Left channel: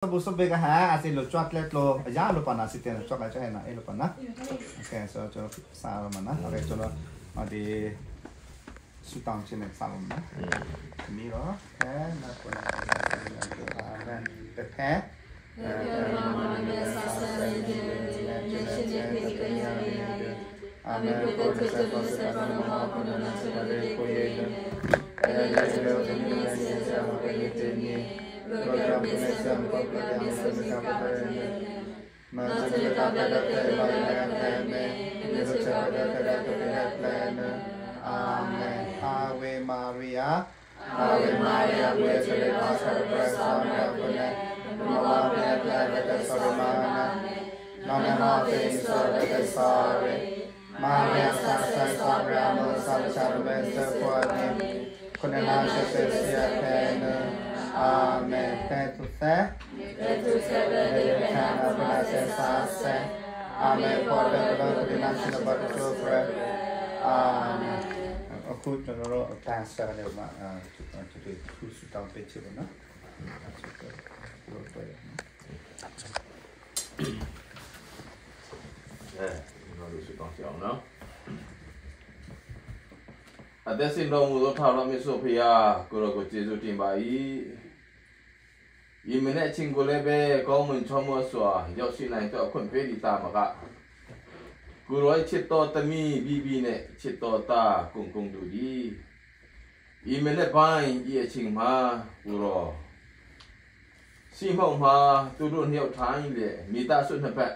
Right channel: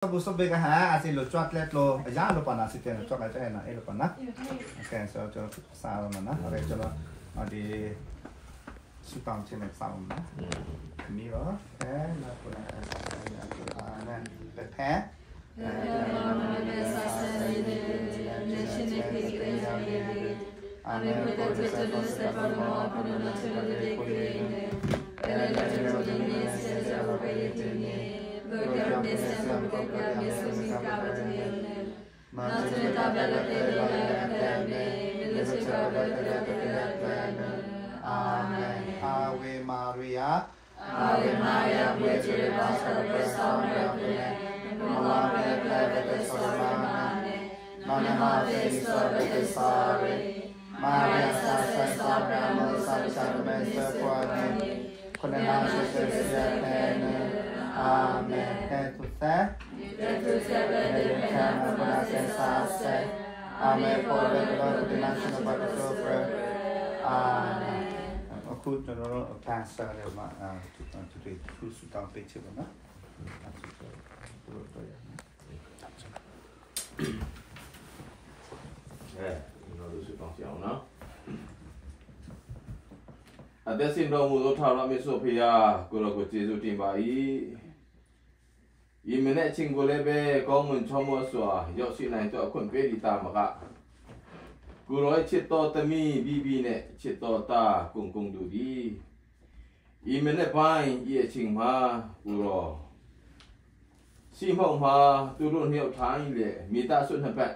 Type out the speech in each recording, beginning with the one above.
Busuk bega ha asin lo chocolate lo ya lo pana si tiene chocolate ya na lo pana. Okay so chalo sa mana. Okay chalo di sutang chine sa mana. Mi ro. Okay na to na okay. Ave Maria. Ave Maria, Virgin Amen. Thank you, sir. Amen. For the blood of the nation of our children. Amen. Aku jangan tak sahaja mak tu sudah pecah mana. Ada sindrom mulut haram Sophia, kalau kau Yesus timbai, ini nak cinggule be kau mencomot suah, jauh si naik tu aku beri ta maka, kalau cipta temi bibi ne cipta ta kung dudi, ini nak pain ia cingma kalau si mau ma turun hiu thang le, mita sun hebat,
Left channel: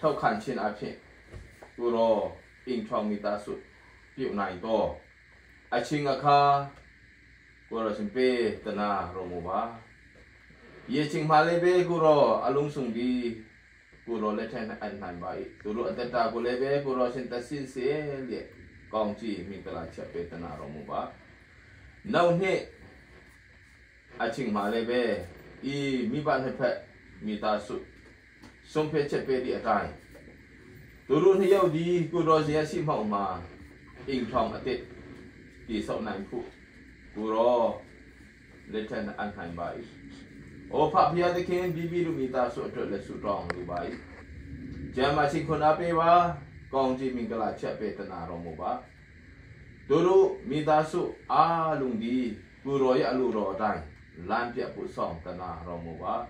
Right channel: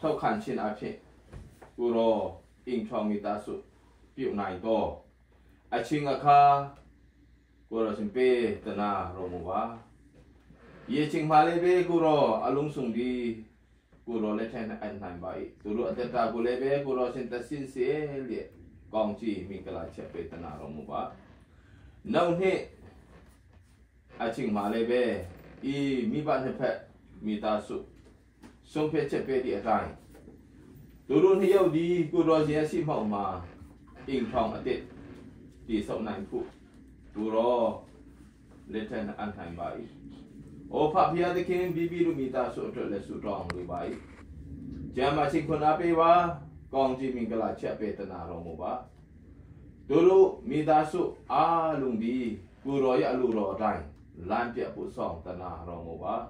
thau kan chin api, kalau ingchong mita sun. Piu nai to, acing akha, guru sempe tanah romuba. Ye cing malebe guru alung sungdi, guru leten an baik. Guru antara gulebe guru sentasin se le, kongci mikala cepe tanah romuba. Nau ni, acing malebe, I mi ban hepet mita su, sompe cepe di atai. Turun hiu di guru sia si mau ma. Ingchong atit di sau nang ku guru leten an hai bai o papia de ken bibi lu mita so to le su rong lu bai jama sing kon ape wa kong ji mingala cha pe tana ro mo ba dulu mita su a lung di guru ya lu ro dai lan pia pu song tana ro mo ba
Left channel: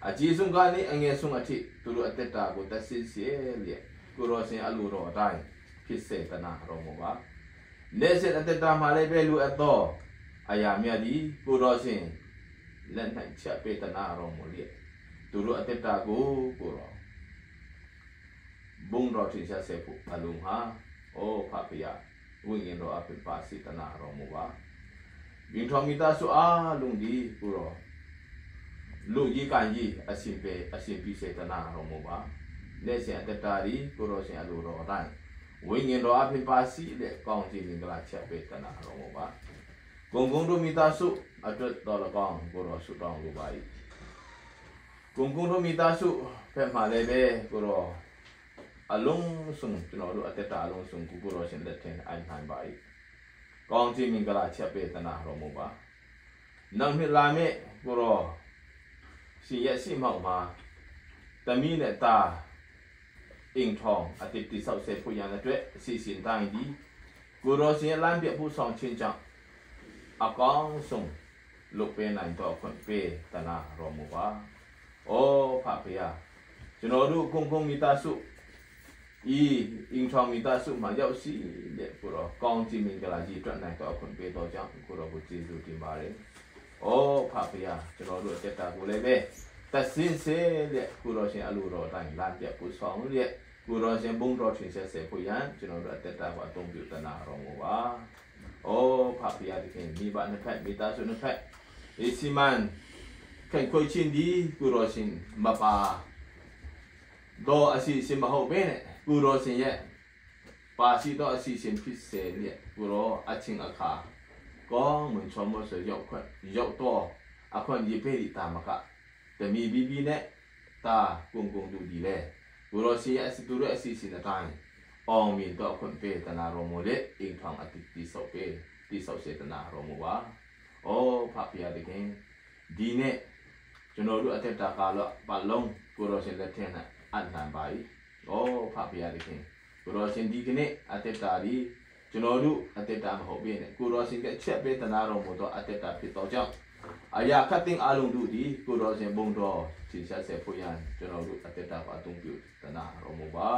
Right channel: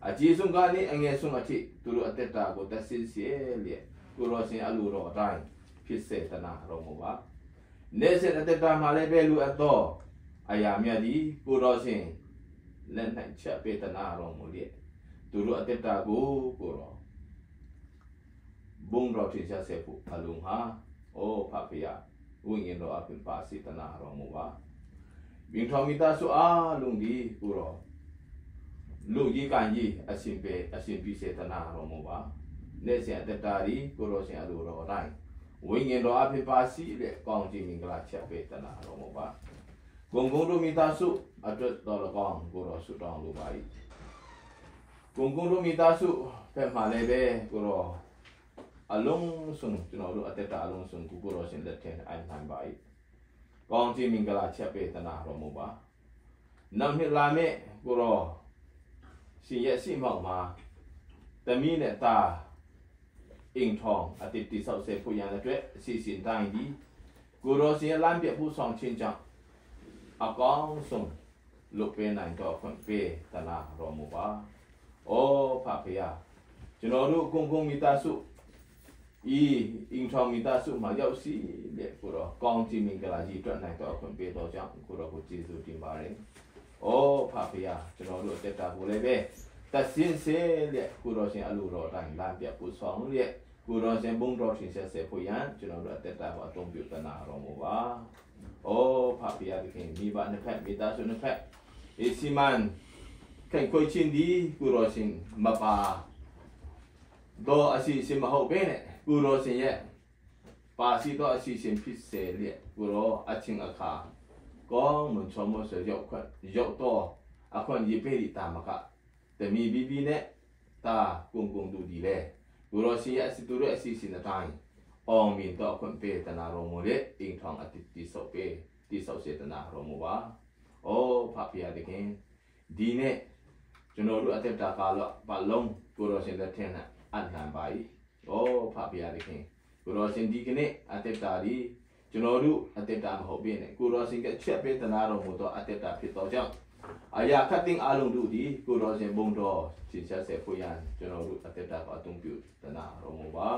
a ji sung ga ni ange sung ati dulu ateta ko ta sin sie le guru sin alu ro daiพิเศษตนาโรมวะเนเซนอัตตามาเลเบลูอัตโตอายามีอดีกูรอสิงเล่นให้เชเปตนาโรมเลียตุรุอัตตากูรอบุ้งรอทิชาเสปุอลุงฮาโอภาพยาวิญญาณรออภิปาสิตนาโรมวะวิงทอมิตาสุอาลุงดีกูรอลูกยีกันยีอสิมเปอสิมพิเศษตนาโรมวะเนเซนอัตตาดีกูรอสิงอลุรอได้วิญญาณรออภิปาสิเด็กกองจีมิงกลาเชเปตนาโรมวะกงดูมิตาสุอัตตอลกองกูรอสุตองดูไว้กงดูมิตาสุเป็นมาเลเบกูรออารมณ์สุงจนดูอัตตาอารมณ์สุงกูรอสินเล็ดเทนอันหันไว้กองจีมิงกลาเชเปตนาโรมวะนั่งมิลาเมกูรอสิยะสิมามาแต่มีเนตาอิงทองอาทิตย์ที่20เซพุยานะด้วย40ทางดีกูรอเสียล้านเปียผู้สองชินจังอากองส่งลูกเป็นนายต่อคนเปตนาโรมวะโอภาพยาจนรู้กงมิตาสุอิงทองมิตาสุมาเยาสีเด็กกูรอกองจีมิงกลาจีตัวนายต่อคนเปต่อจังกูรอกูจีจูติมาเรงโอภาพยาจนรู้เจตากูเลยเบแต่สิ้นเสียเด็กกูรอเสียอลูรอตั้งล้านเปียผู้สองเด็กกูรอเสียบุ้งรอถึงเสียเสียผู้ยันจนเราเตตาว่าตรงอยู่ตนาโรมวะโอ้ภาพยาที่เห็นมีบ้านในแพทมีตาสุนแพทอิสิมันแข่งคุยชินดีกูรอสินมาปาโดอาศิสิมาหอบเนี่ยกูรอสิเนี่ยปาสิโดอาศิสิพิเศษเนี่ยกูรออาชิงอาคาก็เหมือนชมว่าเสียยกคนยกตัวอาคนยิบไปติดตามมากะแต่มีบีเนี่ยตากงดูดีเลยกูรอสิอาศิตุระอาศิสินาตายองมินต่อคนเปตนาโรโมเลอิงทองอติติโสเปติโสเสตนาโรโมวะโอ้ภาพยาเด็กเองดีเนี่ยช ကျွန်တော်တို့အသက်တာကာလပတ်လုံးကိုရောရှင်လက်ထက်နဲ့အနံပါ၏ဩဖဖရာခင်ကိုရောရှင်ဒီကနေ့အသက်တာဒီကျွန်တော်တို့အသက်တာမဟုတ်ဘဲနဲ့ကိုရောရှင်ကချက်ပေးတနာတော်မူသောအသက်တာဖြစ်သောကြောင့်အရာခတ်သိမ်းအလုံးတို့ဒီကိုရောရှင်ဘုံတော်ထင်ရှားစေဖို့ရန်ကျွန်တော်တို့အသက်တာကိုအသုံးပြုတနာတော်မူပါ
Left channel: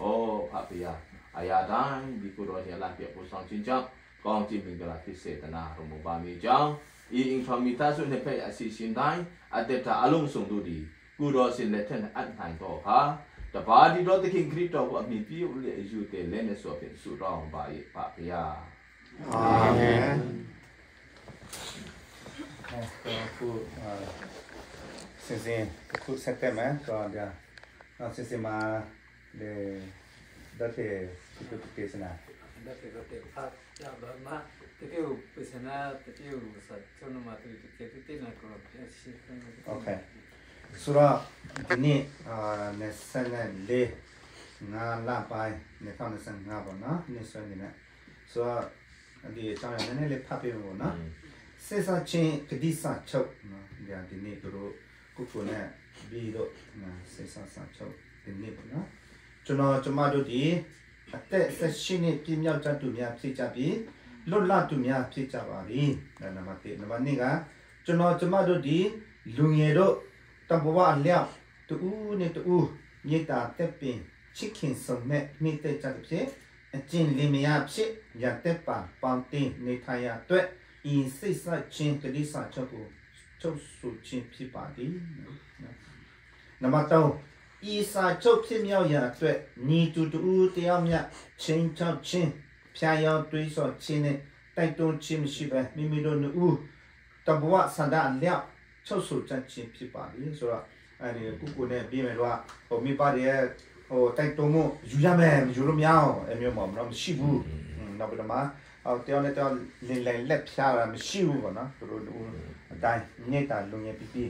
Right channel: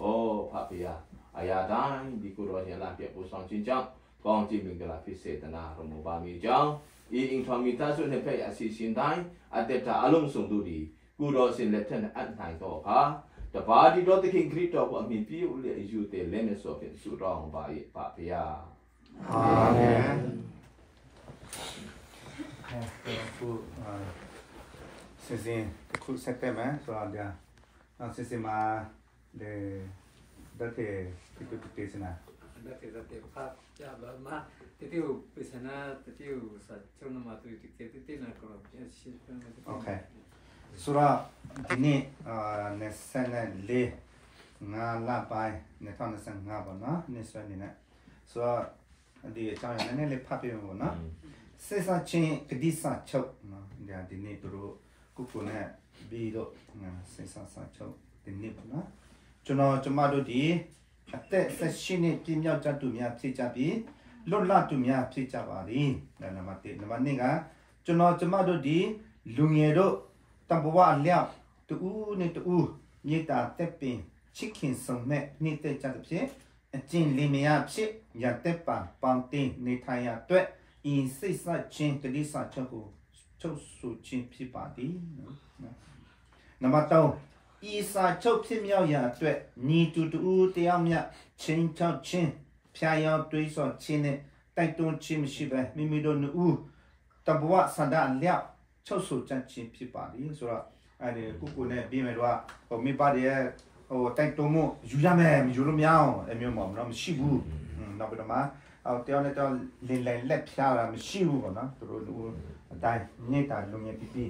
ဩဖဖရာအရာတိုင်းဒီကိုရောရှင်လာပြဖို့ဆောင်ခြင်းကြောင့်ကောင်းချီးမင်္ဂလာဖြစ်စေတနာတော်မူပါမိကြောင်းဤအင်ဖာမီတာဆုနဲ့ဖဲ့အစီရှင်တိုင်းအသက်တာအလုံးစုံတို့ဒီကိုရောရှင်လက်ထက်နဲ့အနိုင်တော်ဟာတပါးဒီတော်သခင်ခရစ်တော်ကိုအမိပြည့်ဦးလေယူတဲ့လက်နဲ့ဆိုဖြစ်ဆုတောင်းပါ၏ပါဗျာအာမင်ခုစဉ်ခုစက်တယ်မယ်ဆိုတော့ဗျာနောက်စဉ်မှာဒီဒါတဲ့ဒီကိစ္စနာဒါတဲ့ဖတ်ကြပါမှာတိူပစ္စနာတိူစာချုံမတူတိနာကောရှိโอเคဆိုတော့ဒီနေ့နေစနေလေးငါလာပိုင်းနေတော့နေစငါပေါ့နော်နေစနေနဲ့ဆိုတော့ဒီအကြောင်းရင်းနည်းလေးဖတ်ပြဖို့နော်စေစာချင်းကတိစာချုပ်နော်ဒီနေ့တို့ကိုနဲ့ပြီးတော့စေစာစာချုပ်ဒီနေ့ပေါ့နော်ကျွန်မတို့ဒီအသက်16နှစ်ပြည့်မြောက်ကြသူများဖြစ်ကြပြီးလွတ်လပ်သူများဖြစ်ကြပါပြီနံပါတ်1နံပါတ်2ကကျွန်မတို့ဒီလူငယ်တို့တဘဝအလျောက်တူနဲ့တူမြေတာတက်ပင်ချစ်ခင်ဆုံးမဲ့နေတဲ့ကြတဲ့ဖြစ်အကျင့်လင်မယားဖြစ်ရတဲ့ပါပေါင်းတင်နေထိုင်ရအတွက်ဤစိတ်ဆက်ခြင်းကလေးစာချုပ်ကိုချုပ်ဆိုခြင်းဖြစ်ပါသည်နံပါတ်3ဤစာချုပ်ဖြစ်မြောက်ရာအတွက်ညီတူတူတယောက်မြတ်ချင်းချောက်ချင်းဖျားယောတွေးဆော်ခြင်းနဲ့တိုက်တွန်းခြင်းမရှိပဲမိမိတို့နှစ်တဘဝဆန္ဒအလျောက်ချုပ်ဆိုကြခြင်းဖြစ်ပါသည်ဆိုတော့အဲဒီကိုနဲ့ပြီးမယ်တော့ဟိုမိပါတယ်ဟိုတိုက်တွန်းမှုယူရမယ်ယူလို့မရအောင်အမျိုးတော့မရှိဘူးနောက်ပြီးတော့မှတယောက်နဲ့တယောက်လင်လက်ဖျားတာမရှိဘူးပေါ့နော်တို့အတိုင်းနေတာလုံရပြပြ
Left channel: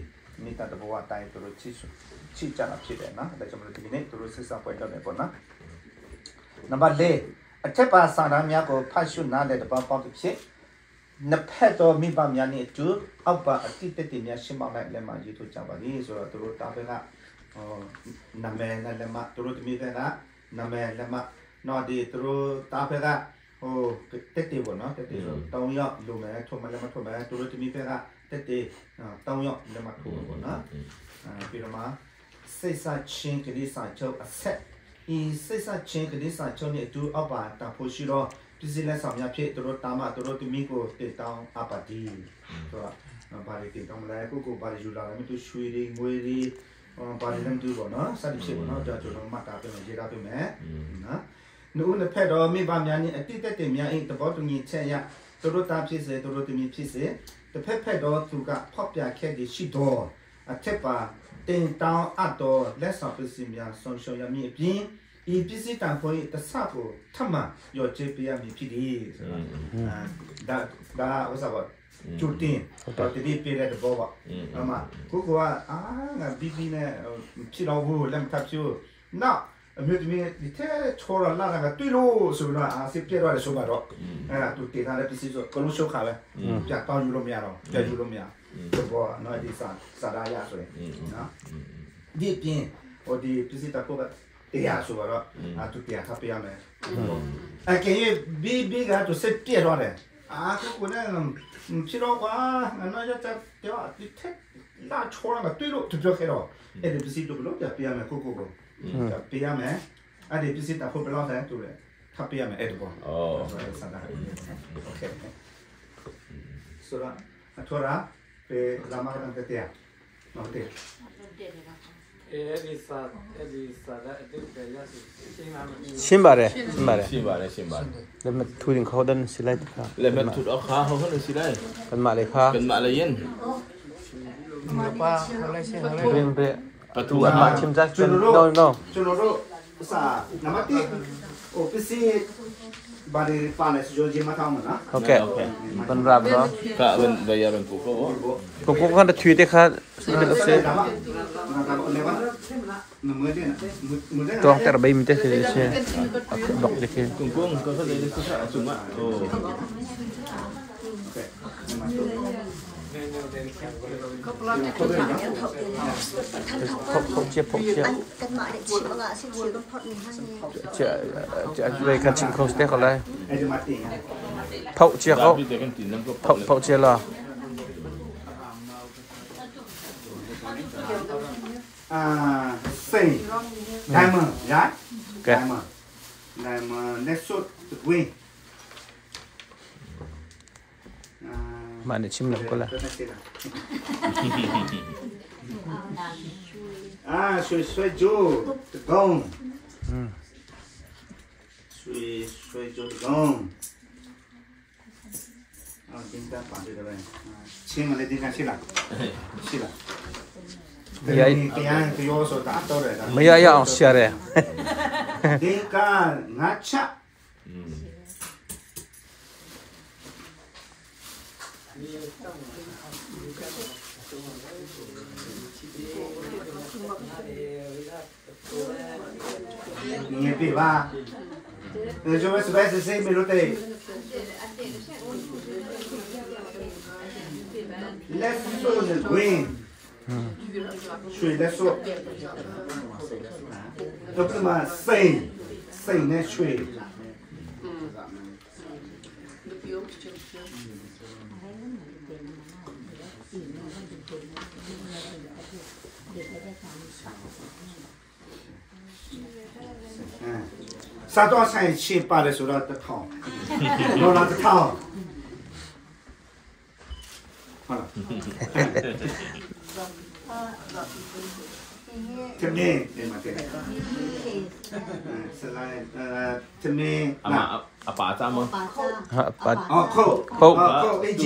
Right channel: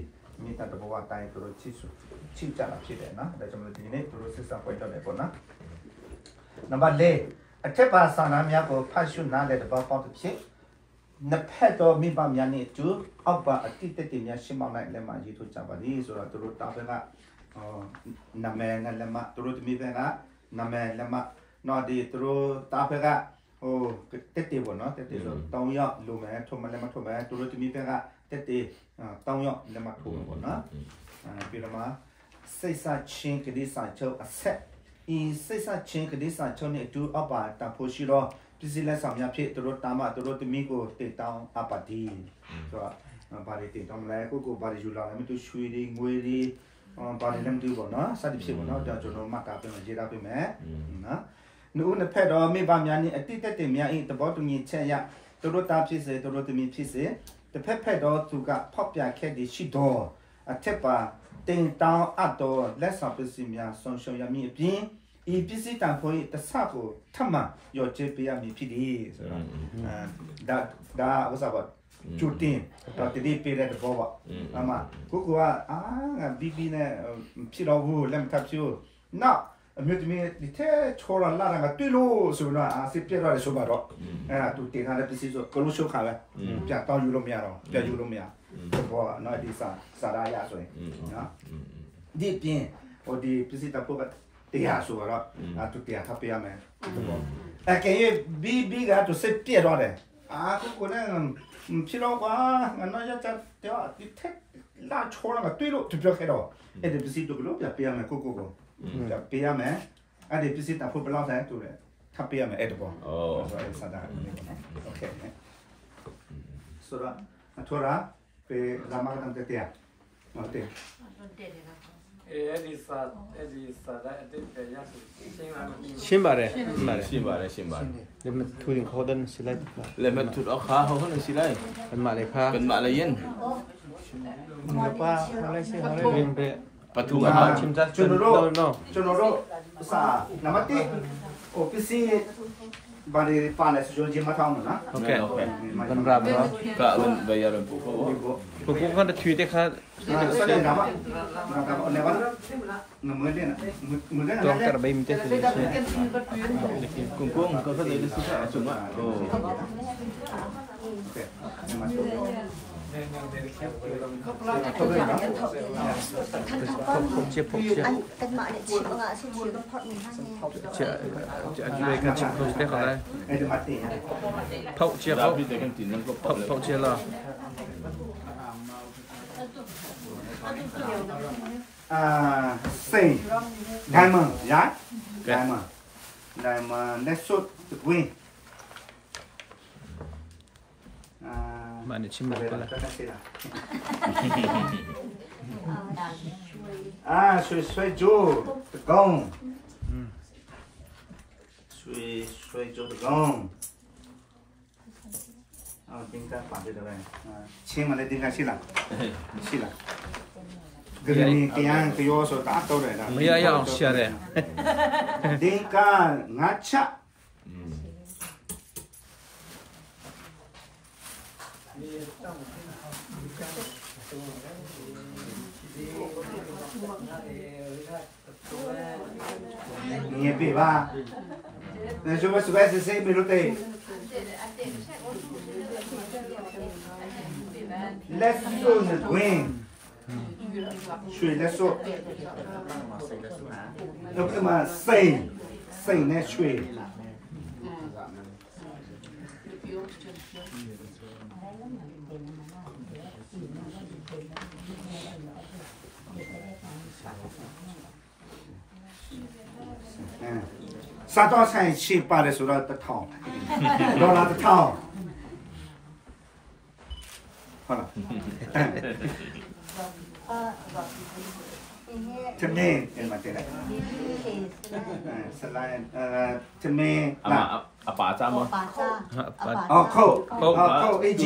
နေတာတဘဝအတိုင်းတို့ချစ်ကြတာဖြစ်တယ်နော်ဒါကြောင့်မလို့ဒီနေ့တို့စစ်ဆောင်ပွဲတော့နေပေါ့နော်နံပါတ်4အထက်ပါစာနာများကိုဖတ်ရှုနားလည်တဲ့ပေါက်ဖြစ်နှစ်ဖက်တော်မိဘများနဲ့အတူအောက်ပါအတိတ်တည်းများရှင်းမောင်းလိုက်လက်မှရေးထုတ်ကြပါလိဆိုတော့တို့တာဘက်ကနာမည်နဲ့လက်မှတို့တမိဘက်ကနာမည်လက်မှနော်ဒီတို့တာဘက်ကဟိုတက်တေပေါ့နော်တက်တေဆို3ရောက်လိုမယ်ထုံမလက်မှထုံမယ်တို့တမိဘက်ကတက်တေ3ရောက်လက်မှထုံပေါ့နော်ပြီးတော့မှစိတ်ဆချင်းကလေးစာချုပ်အဆက်ဤစိတ်ဆချင်းကလေးစာချုပ်နဲ့အတူအောက်ပါတာဖို့ရှိတော့ဒီစလက်ဆောင်များဖြစ်တို့တာမတို့တမိကိုတင်တောင်းအပါတီဆိုတော့ဘာတွေတင်တောင်းလဲကိုဘာတွေယူလာလဲမတူရွှေတွေငွေတွေဘာတွေလည်းမတူပေါ့နော်စသည်ဖြစ်ပေါ့နော်ကျွန်တော်မှတ်တာပြန်ရေးထားပေးမယ်နော်နုနှစ်ဖက်တော်မိဘများနဲ့အတိတ်တက်များဤတဘောတူညီချက်ရတို့တာဖြစ်စေတို့တမိဖြစ်စေတစ်ဖက်တော်သူကဖောက်ပြခဲ့သည်ရှိတော်အထက်ပါတင်တောင်းအပ်တော်လက်ဆောင်ပစ္စည်းများဆုံးရှုံးရမည်အပြင်ဤပစ္စည်းတန်ဖိုးတဆကိုထပ်မရောချေပေးရမည်ဖြစ်သည်ဆိုတော့ဒါဥစားပါကျူတင်တော့တတိပေးတဲ့ဘောပါအမကိုကငါဘီဘီနဲ့ဖြစ်တော့ဘူးလက်ထပ်ဖြူနောက်အမေဒီထဲချောလာလာကတွေ့လို့ဆိုတော့စစ်ပြတော့ဆိုပါတော့သူတင်ထားတဲ့ပစ္စည်းဆိုကလို့ရှုပ်ခါပဲပြတောင်းယူလို့မရတော့ပြယူလို့မရတော့နော်ဒီစာရာရဆိုရင်နော်ဒီပြင်ဟိုဒီပစ္စည်းတပုတ်တရားဆိုတော့သူတရားခပ်ပြရမယ်အကဲဘီဘီကတော့စစ်ပြတော့တယ်ကိုနဲ့ဖြစ်တော့ကွာငါမရတဲ့တော့ဒီထက်လာချောလာတွေ့လို့သူပြောခဲ့တော့အဲ့ဒီပစ္စည်းတို့ဘလို့ပြရမယ်ကိုပြရမယ်အဲ့ဒီပစ္စည်းတပုတ်ဘလောက်တန်းတူတယ်ခပ်ပြရမယ်အဲ့တော့ဆိုတော့စာတာโอเคဆိုတော့အထောရာpe la mar ante tia no teရှင်းပါတယ်လက်မထူရင်ခေါ်တဲ့စီလိုက်လက်မထူတော့ခါဟောကနေစီလိုက်กันมาเลยค่ะกันมาเลยရင်ပါอะไรใช่ไหมเรียนไปประตูมาชิมจัดကျွန်တော်တို့စာနမတိโอပစီဘာတွေပါလဲဆိုကြမှာထောင်းမလားโอเคมันรับเนาะก็เล่นไปยารันปุ๊บผมก็tweetได้ค่ะตัวแต่ละใบมันจะเสียชื่อดอกเล็กๆกุ้งก็เขาจะได้สุดๆจุ่มอ่ะโอ้ phậu chia về cái chim không biết còn đây phậu chia không phậu chia là say diamond yeah diamond next shot win mà để chim được là xuôi chú gong xuôi chú gong chúng ta phản được rồi chim mà lên tiếng xí là cái anh cái yo số tám đâu rồi mấy ai ăn xia đấy tiếng ca ngắt chạ nghe bị ba nên chúng ta sẽ xem mình đây let's go the green suy let's go lúc mà say nè suy sao đó sai chi ba de số đó tất thòng đó là tất thòng cho nên để mà thế này slide là bà cha mà khâu AG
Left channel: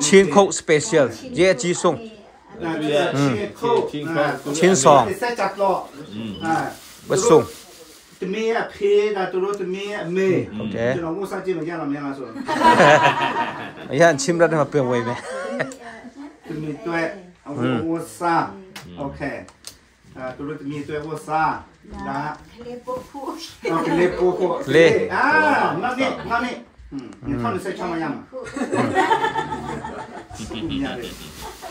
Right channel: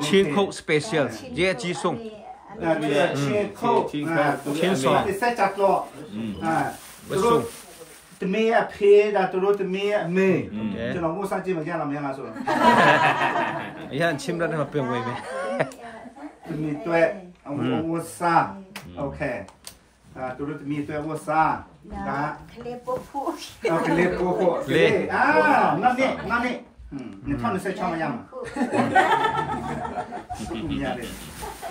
chín khâu special dễ chi sung chín sò bất sung tụi mi phê là tụi mi mê tụi nó mua sang chi mà ra làm sao rồi ấy anh chim ra mà bèo về tụi mi tuệ ông mua sa ok tụi mi tuệ mua sa đã lê po lê ngon đi mình thằng sẽ cho mà yam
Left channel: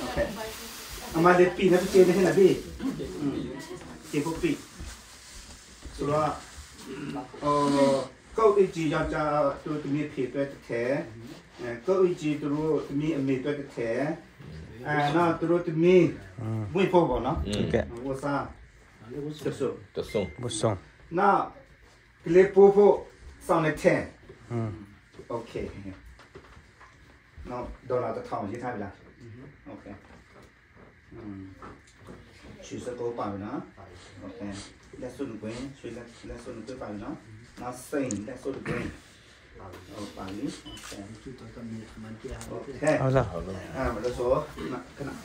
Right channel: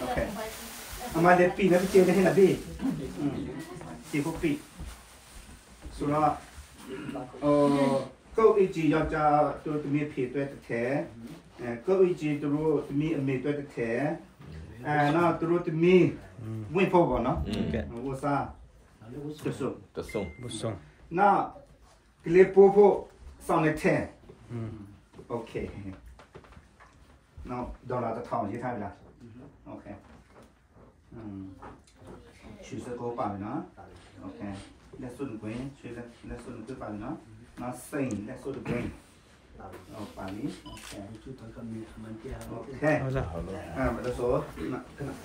ok mà để pi nó bị chơi thế là gì chơi có pi rồi câu ý chí cho tụi mi phê tuệ thế câu ý chí tụi mi mê tuệ thế na tụi mi vui phô vào nó mua sa tất sung bất sung na lê po xong lại thế ok nó đâu là cái thòng như thế này là ok chỉ sẽ có bài nữa ok let's do the green let's do the bài nữa nó xanh let's do the green bài lý okเอาจ้ะ bây số cái này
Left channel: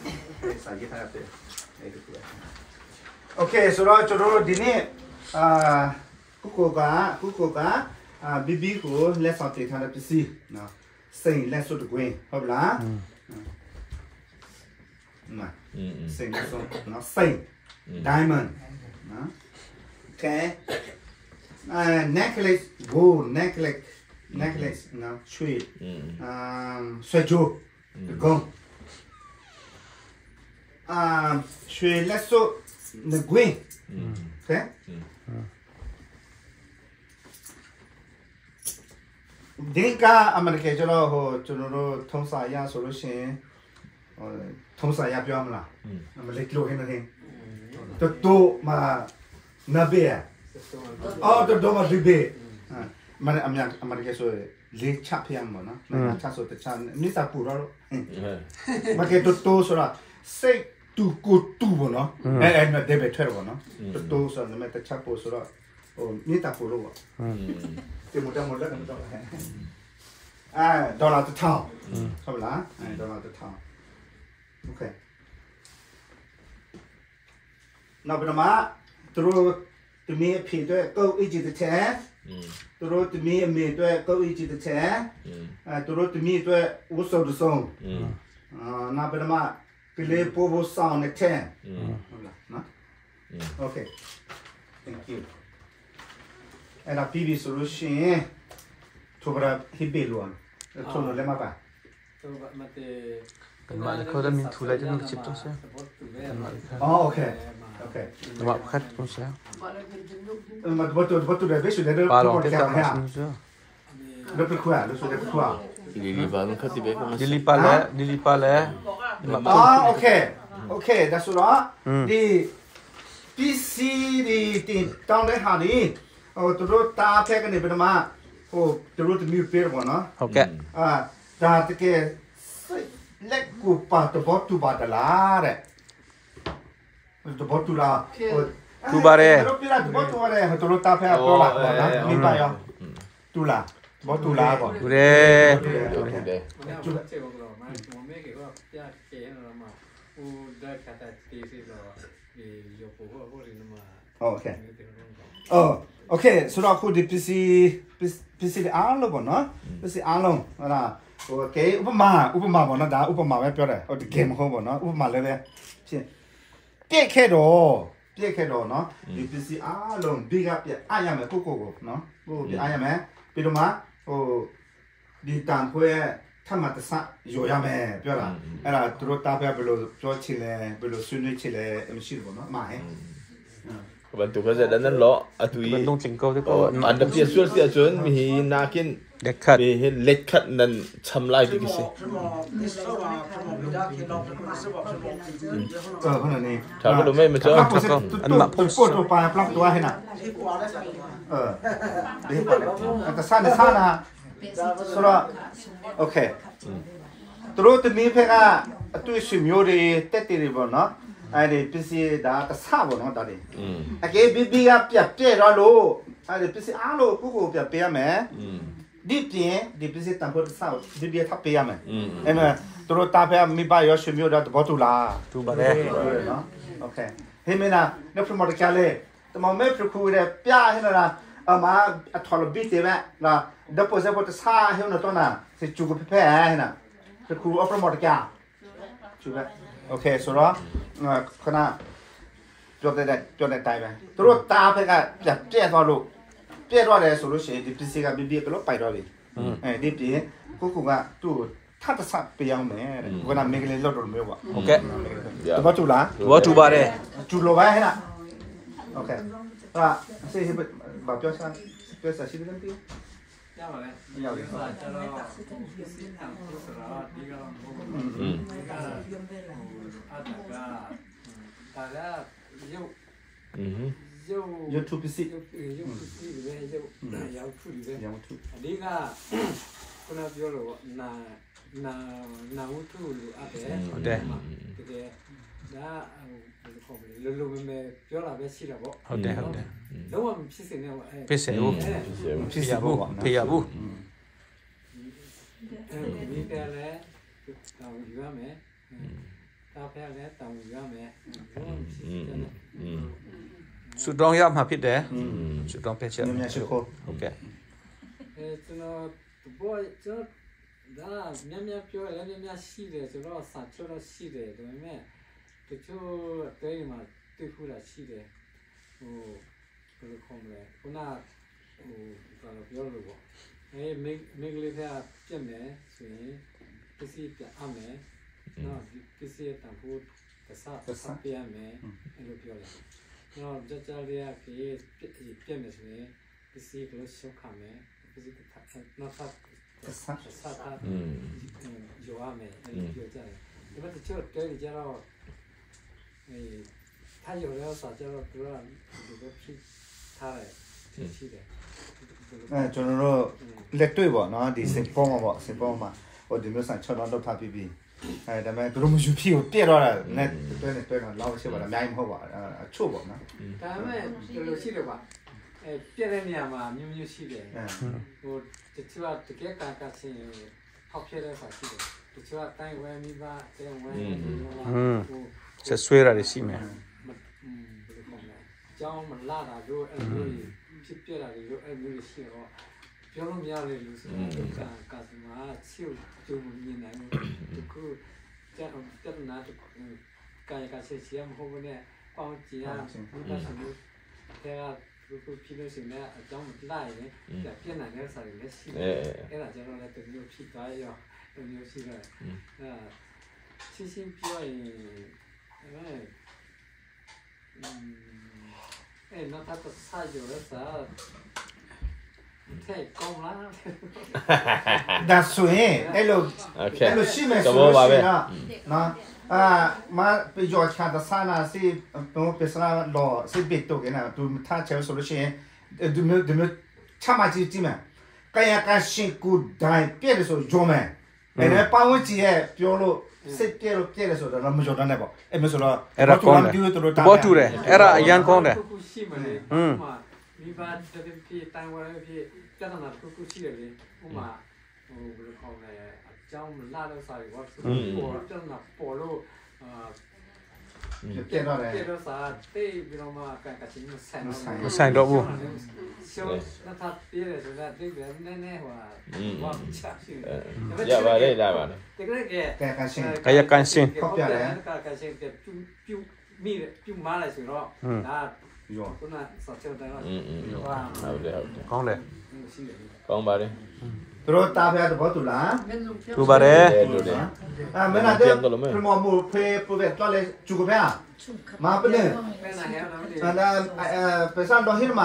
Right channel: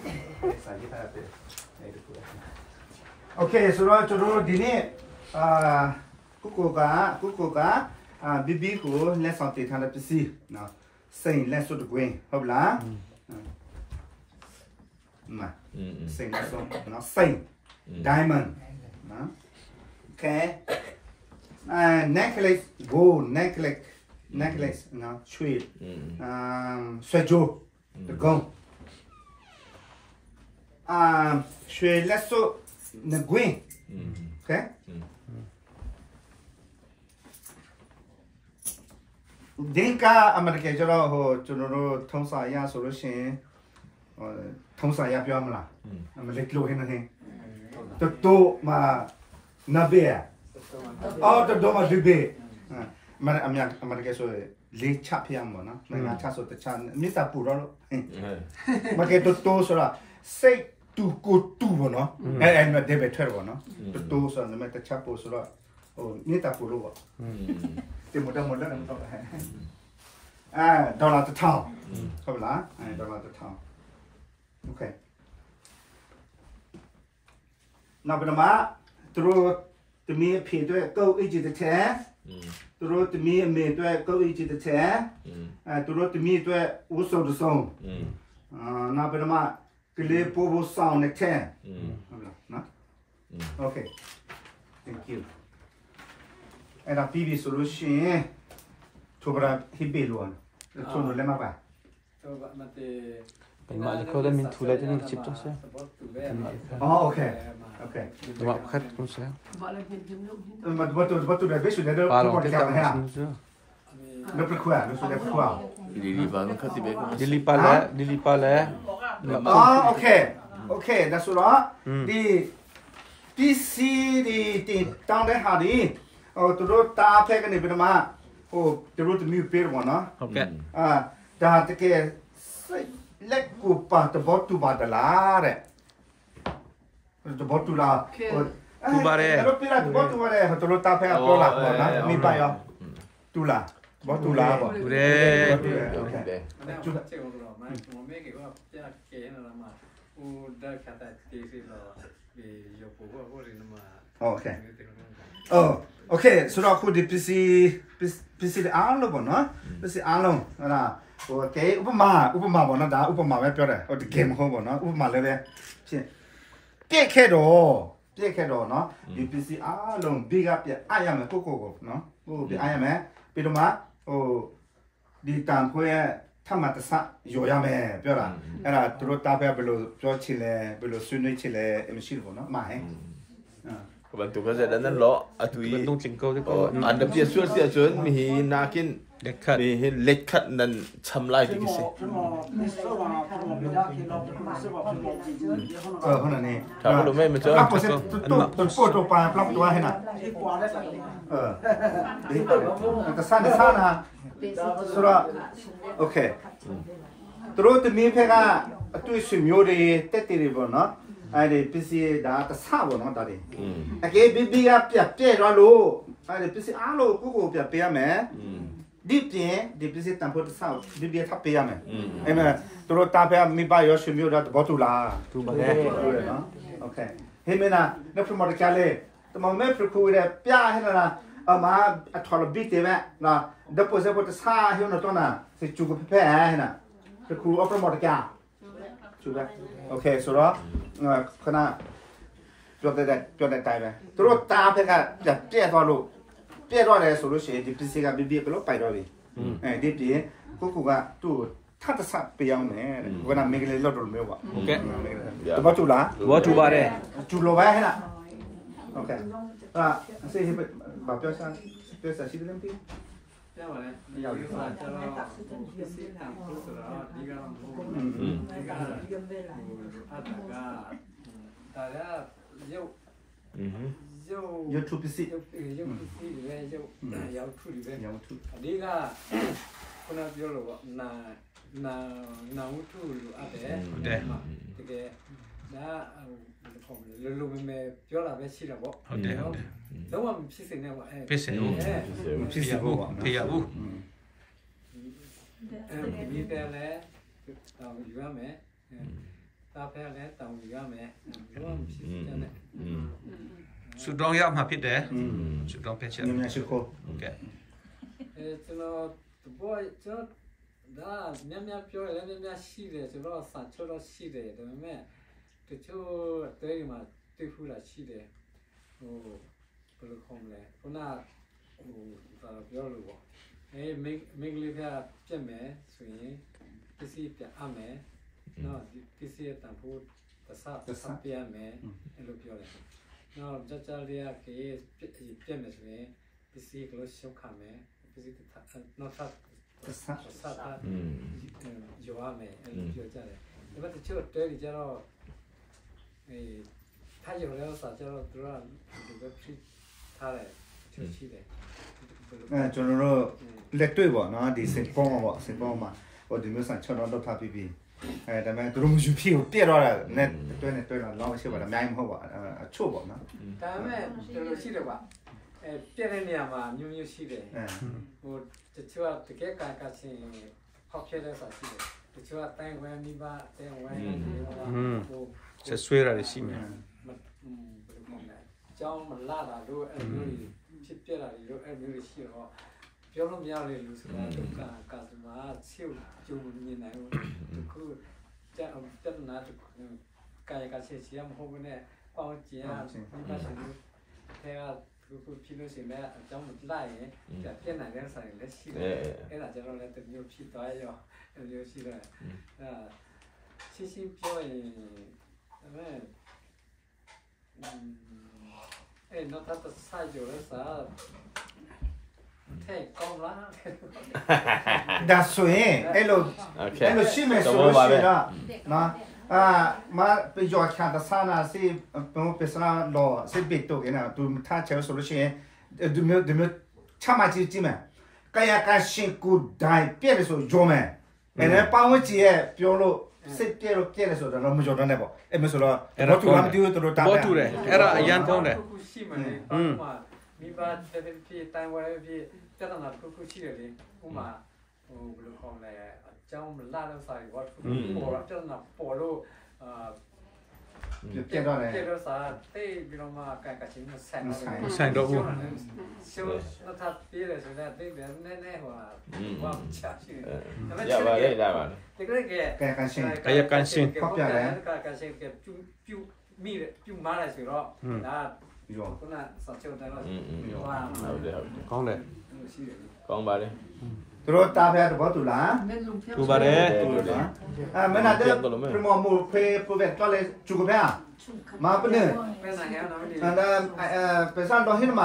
xài cái tay về ok sau đó cho nó đi nè cucô cá BB của let's on take hand PC nào xanh let's do the green hợp lá mà xanh let's do nó xanh diamond đó ok necklace gold necklace nó sweet sợi chu gong sweet let's do the green ok đến cả America cho nó thông xã ya solution thông xã ya biểu mà mà lấy lô hiện nay tụt mà nabia tụt mà dube mà America số lấy chắp hiang mà nó mà chắp số tự chắp nít ta phụ đó mà cái tụt số là say tu cô tu mà nó em mà debe thuê mà nó tụt số là mà tự chắp số là nít ta phụ đó thì một lần đô la tự thao không là đô la tự thao ok nào bây giờ mà tụi mi phêด้วยcâu ý chí tự thế tụi mi mêด้วยcâu ý chí tự thế tụi miด้วยอุศtự song nào bây giờ mà cái lễ bố sang này thế ok thank you and a PV solution to bra hibe luôn to no lema ba เป็นมาเลยเขาจะมีทุเรศที่นั่นชิปตัวเสียเป็นมาเลยครับ อ๋อโอเค มาพัดคุณเสีย มันวัตถุเดบิสุดเดอร์ ปลาลองเก็บตามมาสิเสีย เดอร์ขั้วรู้สึกเดอร์ขั้ว ดิลิปาแล้วมา อ๋อโอเคดัสุระดีที่ซีดีติดต้องได้หาดีตัวตาเพกันนี่เป็นมาตัวจะมีเปรี้ยวก่อนเนาะ โอเค ดาตะเกเล็กกูปาตัวบอตูบาดลาเร่ตัวบอตูลาตัวปีละตัวบอตูอะไรตัวตาเพกันตัวละก่อนนะมีไปอ่ะตูลาบอตูลาก่อน ดูเด้ จุดเจียวหรอมาผมไม่เกี่ยวกับยาเกณฑ์อะไรมาอูได้คาตาตีสิหรอมีโยกุว่าพวกนี้มาโอเคสุดาคุณดิPC အားလုံးပေါ့နော် PC အားလုံးဟုတ်လားဟိုကေဥပမာပေါ့နော်ဒါဥပမာပဲပြောတယ်ဟိုဒီ game မဟုတ်ပေါ့နော်ဥပမာလည်းပဲဖြစ်ပြည့်ခဲ့တော့နော်ဒီ PC အားလုံး big up ပြအားရမယ်ကိုနော်ဟိုပြအားရမယ်ပြီးတော့မှဟိုဒီတန်ခွဲထမတဆရောရမယ်ပြောတာအဲ့ဒါသူတို့တားပြဘယ်လိုပြောချင်လဲဘယ်လိုဆွေးနွေးချင်လဲမရှိဘူးပေါ့နော်မှာဟဲ့bantu kerja dan lo atui มันต้องจิงเก้าที่ก็ anda sia chun mi nakin เด็กขัด mi let khat nan chamlai ti kisi ขนาดนี้ cha lo me me cha อันมาพุ่งตัวปลาปลักตัวให้น่ะนี่มันก็ซ่านะสุระโอเคตัวตัวนี้เพื่อตัวชิมยูรีเตติริบเนาะไอ้ดิพิซีดาตะซาบ่เนาะตาดิโอเคบีก็เปียรอโลไอ้ดิพิซีอาโลกูเปียแม่ดิเปียดิพิซีตัมโพตะซาดิเปียทับเปียแม่เอ็มตัวตาเปียมีบายอชิมยูดาตะบ่ตุลา ดูบาเล่ เนาะโอเคเฮมินะเนพมอตะแคเลตะมอเมพรูเดเปียให้นะมาอะทอลบิเตแม่นะดะโพเซโพตะซาเฮนะตัวน่ะสิจูกเพ่ให้นะพรูอพมอตะแคจูบโอเคสุระขณะจดได้ตายไปตัวตาเพื่อจะเปี้ยตัวลูกเปี้ยตัวอะไรสุรุเสียดิพิสิกาบีก็ลบไปตัวดิดิปีกูว่าตู้ถ้าจะสับเปียงเนี่ยกูน่ะไม่เคยเล่าตัวไม่ว่า โอเค ตัวจุละ ว่าดูบาเล่ จุลไว้ให้น่ะโอเคว่าเสียแบบเปียสักสิ่งนึงที่ยาวเลยยาวเลยจะเราสิตามผู้สระดีก็อาจจะแต่ละยูทูบสิยาวทุเรศดีก็คนเราเยอะเลยว่านาวุฒิอะไรแต่ด้าผมรู้ไหมเยอะละเวชีระบบแล้วว่าพิเศษเนี่ยว่าพิเศษบุพิยาบุมีแต่แล้วตามอยู่ว่าไหมตาแพ้แล้วตามอยู่ว่าไหมว่าพิเศษเนี่ยสุดร้องยามหาพิษเด้สุดร้องเป็นเชื่อโอเคကျွန်တော်ဘောကျွန်တော်ဒါများပြောရလဲများရှိတယ်ဆိုတော့စာချတော့ရှိတယ်ဒါပေမဲ့တချို့တဲမှာတွေ့ဖူးတာရှိတယ်ဟိုဘယ်လိုခေါ်မလဲခုနဟိုပြောလို့ပေါ့မိန်းကလေးကပြက်မယ်ဆိုရင်ပစ္စည်းပြအမယ်နော်ဒီပစ္စည်းတန်ဖို့တဆပြမယ်အဲ့လိုပြောတယ်နော်ကြလေးကပြက်မယ်ဆိုရင်ပစ္စည်းကိုရှုပ်ခမယ်ပစ္စည်းနော်ဆာဂျဝါမယ်အဲ့လိုပြောကြတယ်ဒါပေမဲ့တချို့တဲကြတော့ถ้าอยู่แล้วสาจะดูว่าดูแบบที่ท่าอะไรที่เด็กကျွန်တော်တို့လက်တွေ့ပေါ့နော်ဒီစင်ပေါ်မှာဟိုဒီမျိုးဆိုင်6တော့ထားပြီးဒါပေမဲ့သူတို့မရှိဖြစ်ကိုပြည့်တော့တာနဲ့တွဲတော့လောက်ရှိပါလားအများကြီးမဟုတ်ပါအချို့ပေါ့နော်ဒါပေမဲ့ဒီလိုရှိတယ်ပါပြည့်တဲ့နေရာမှာမျိုးရှိတယ်ဟိုတချို့ကတကယ်ကာချင်းဖောက်ပြတဲ့စာရှိတယ်တချို့ကတိုင်းဝဲမိဘတိုင်းဝဲဟိုဆက်ဆွဲရတယ်ရှိမယ်ကျောင်းမလာတာတို့အဲ့လိုဖြစ်ပြတာတို့အဲ့လိုရှိတော့ပြောလို့မရလေလို့ဆိုတော့ကာစမာချို့ကျုံနေနိုင်ဘူးတခုတက်နာတကာယကချက်ချင်မဟုတ်ဘူးနဲ့ပေါင်းကျင်မိဘရှင်တို့ထဲကသူဖြစ်လို့ရှိရင်အကြောင်းမလိုက်ရင်ပြည့်နိုင်တဲ့ဆိုင်လည်းရှိတယ်အဲ့ဒါကျတော့လည်းတမျိုးဖြစ်သွားရော မျိုးရှိတယ်ရှင်းရှင်းပြောရင်နောက်ထပ်စာကြလဲစာထဲကောင်းလားဒါဆိုရင်အဲ့လိုရှိမယ်ဆိုလို့ရှိတာနော်มาไปยอดชาติศาสนาสิเป็นศาสนาล้อสิบิดตัวกันนะดูถ้าเชื่อสุดเช่นดูมือชามาจีจีมั้ยกายการชิงกูได้เปลี่ยนสุดโยมเอ็นป้าวจีเอพิโอโลสิเปลี่ยนสุดเราไม่จดนั่นเลยบ่เอ็มสุดแล้วအဲ့ဒါကောင်းတယ်ဘောတူတယ်အဲ့ဒါအရန်ကောင်းတယ်မိဘတဲ့ဖြစ်တန်ဝရဖြစ်ကျန်တာခုရှိတယ်လေဥမာဟိုဘယ်လိုခေါ်လဲအကြောင်းမလာလို့စာရီဝတ်ပေါ်တော့ကျန်တာပေါ်လို့ပြည့်တော့တယ်ပြည့်တော့စာတေးပြီးတော့မှကန်ကချင်းမဆိုင်တော့ဘူးဆိုတော့ถ้าပြည့်တယ်ဆိုတော့တေးပြန်နည်းနည်းဟိုဝါချာရှိတယ်ရပါလေဒါပါဒီကနေ့ကကာယကန်ရှင်ဖောက်ပြတယ်ကာယကန်ရှင်ကပြူမိပြူမားလိုက်ဆိုတော့ဒါခုနစောချောတယ်တော့ဟုတ်တယ်ကောင်းတယ်ကောင်းပါတယ်သူတို့တာဖျားတော့တူလားတူပါတယ်မင်းတဲ့ပရမမူဖေးပဝက်တော်လေကျူကဖျားမာပလင်းပစံတော်ဟင်း